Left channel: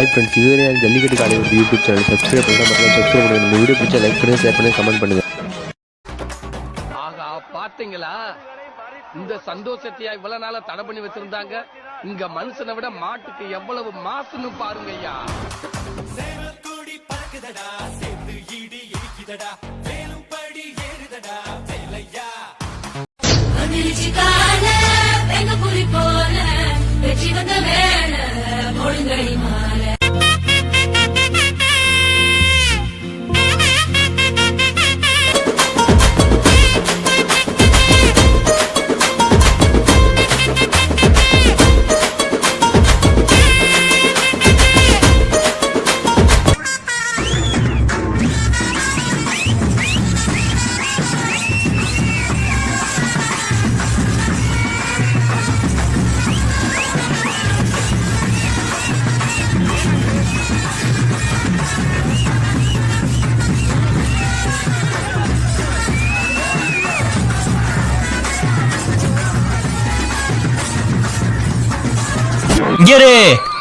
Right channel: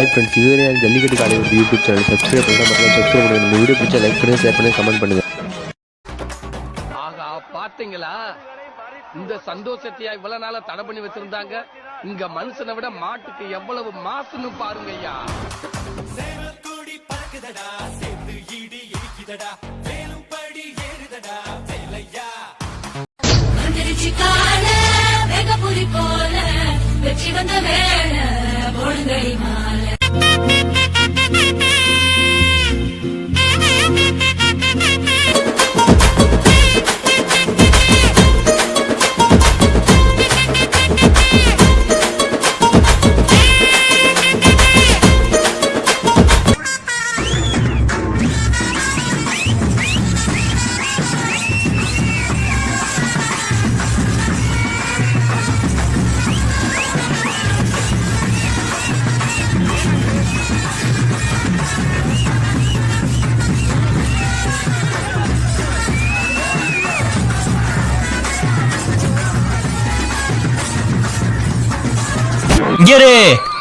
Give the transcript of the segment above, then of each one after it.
Hi friends இதுவரை ஜல்லிக்கட்டு காலை ஒரு யூடியூப் சேனல் சப்ஸ்கிரைப் பண்ணால் மட்டும் சப்ஸ்கிரைப் பண்ணுங்க இந்த வீடியோ பிடிச்சா லைக் பண்ணுங்க ஷேர் பண்ணுங்க கமெண்ட் பண்ணுங்க. ஆகா பாத்தீங்களா? இந்த சந்தோஷத்தையா இவ்வளவு நாளா தடை பண்ணி வச்சிருந்தாங்க? இங்க மனுஷனை விட மாட்டுக்கு எவ்வளவு மாசுன்னு பாருங்க ஐயா இங்கரு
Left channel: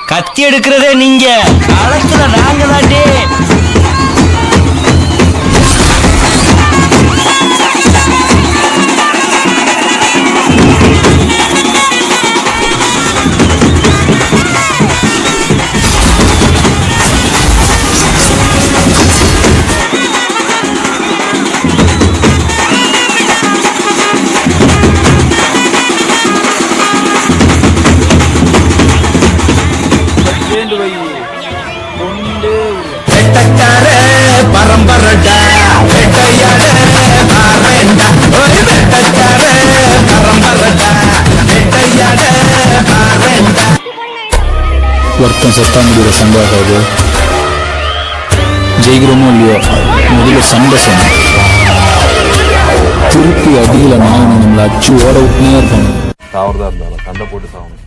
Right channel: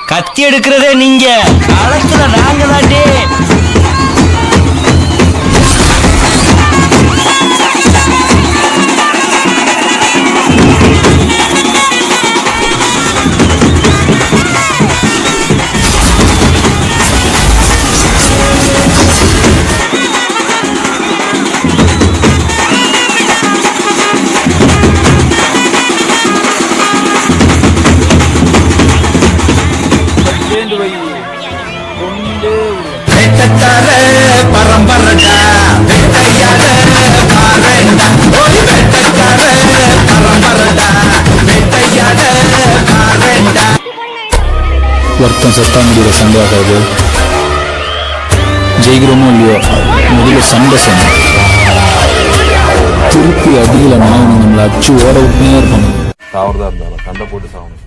கத்தி எடுக்கிறதே நீங்க. களத்துல நாங்க தாண்டே வருத்தம் செத்தா முடிகிற சண்டை ஆகாது ஜெயிக்கிறோமோ இல்லையோ முதல்ல சண்டை சொன்னோம் திருப்பி அடியிலன்னா இவங்க நம்மளை அச்சு ஓட விட்டுனே இருப்பாங்க சாவறதா இருந்தாலும் சண்டை போட்டு சாகணும்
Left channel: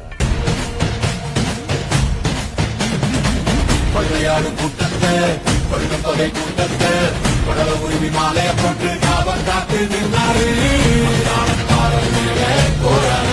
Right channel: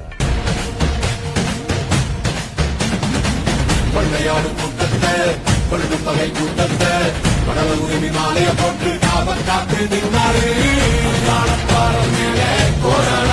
பள்ளையாளும் கூட்டத்தை பள்ளும் தொகை கூட்டத்தை கடவுள் உரிமை மாலைய போட்டு காவல் காத்து நின்றாரு. போராட